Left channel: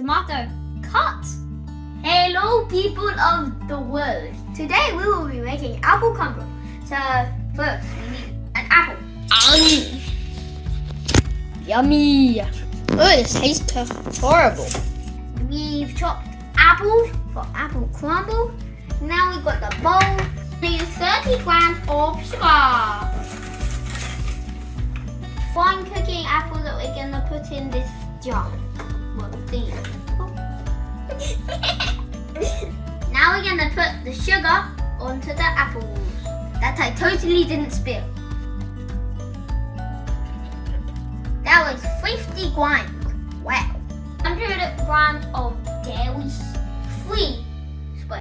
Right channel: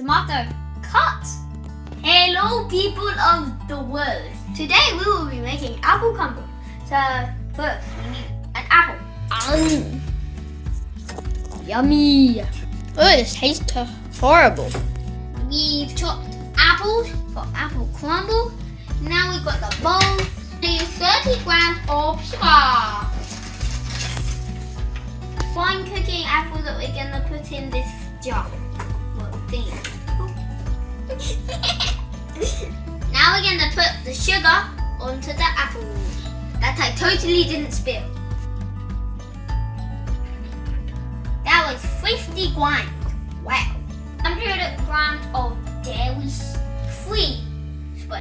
tomato, cut. Hello people of the world. Today we will be making apple crumble. So first we need an apple. Yummy. Oh, this tastes horrible. We've chopped apples for apple crumble. Now we've got the bowl. We use 30 grams of sugar. Fine cooking apples that we're gonna put in this jar. Well, thing. Now we're gonna put the sugar onto the apples that I totally didn't spill. That was 50 grams. Wow. 100 grams of dairy free. I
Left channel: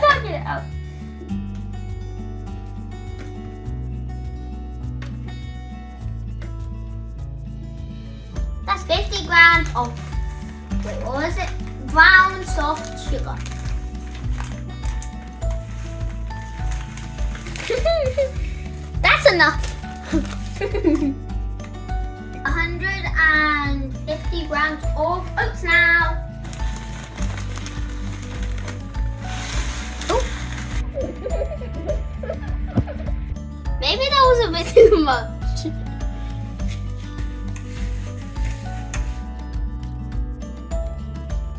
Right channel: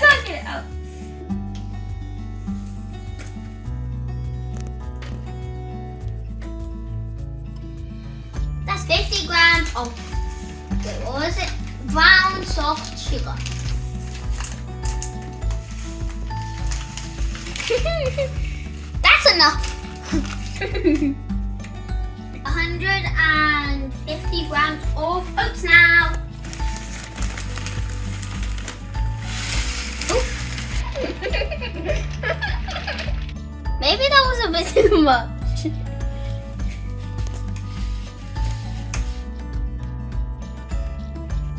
can't get it out. That's 50 grams of, wait, what was it? Brown soft sugar. That's enough. 150 grams of oats now. Maybe that was a bit too much.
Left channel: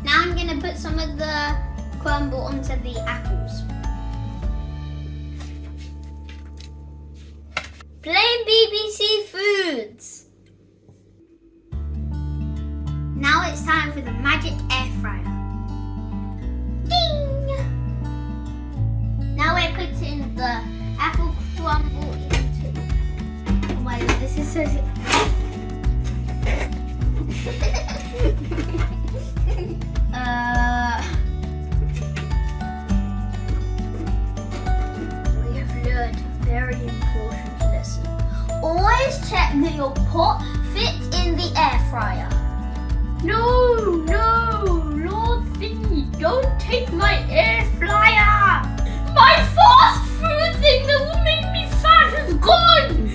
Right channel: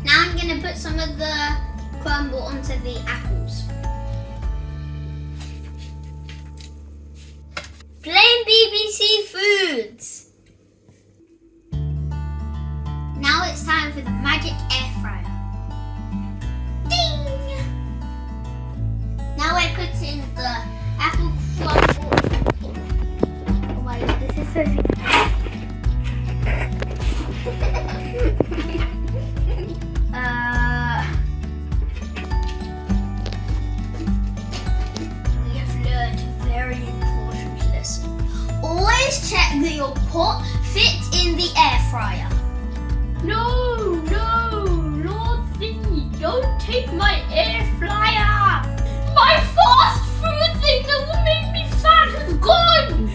Now I'm going to put some of the crumble onto the apples. Plain BBC Foods. Now it's time for the magic air fryer. Ding! Now we're putting the apple crumble. Oh my god, this is so we have learned a very important lesson. Always check that your pot fits in the air fryer. No, Lord Thingy, don't take my air fryer. My fast food thing that will make me fat is gone.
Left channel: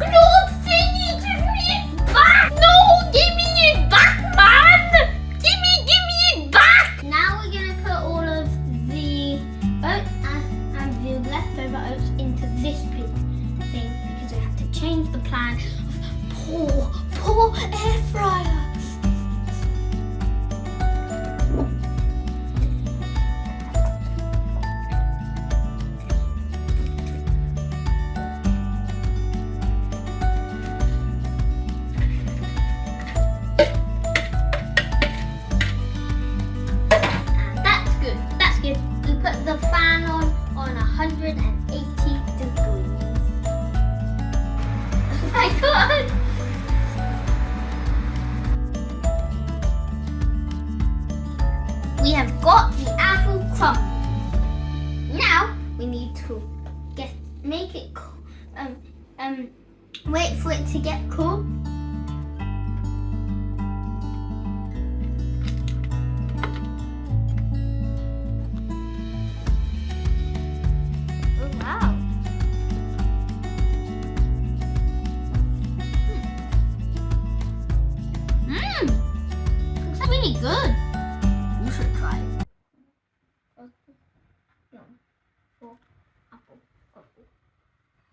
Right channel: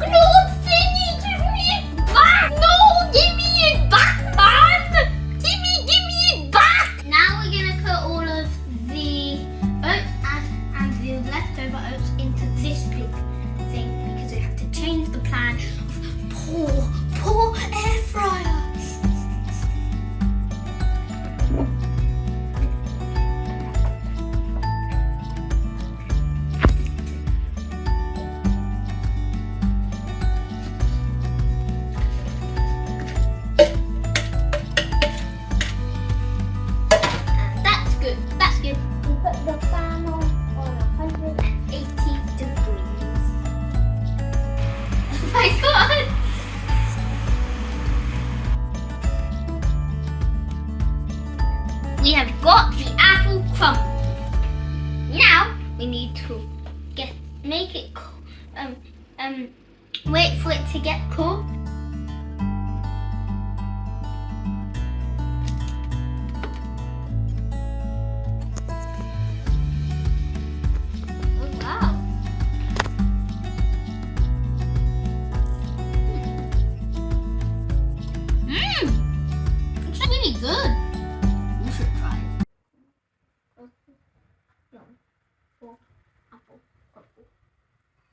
Lord Thingy, give me it back. No, give me it back, man. Give me it back. Now we're going to put all of the oats and the leftover oats into this big thing because we have to change the plan of poor air fryer. We put the fan on 180 degrees. Oh my god! We have got the apple crumble. Now we need to make it cool. Wait for it to get cool. Really good. You should try it. For apple crumble.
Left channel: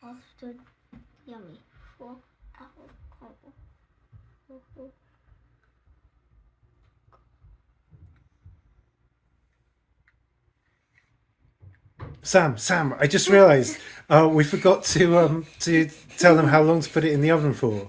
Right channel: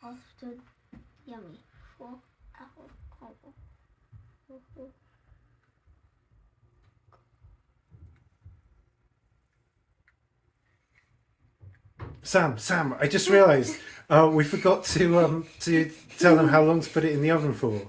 Often yummy. For apple crumble. Sam, I just realised we forgot to tell them how long to put it in the oven for.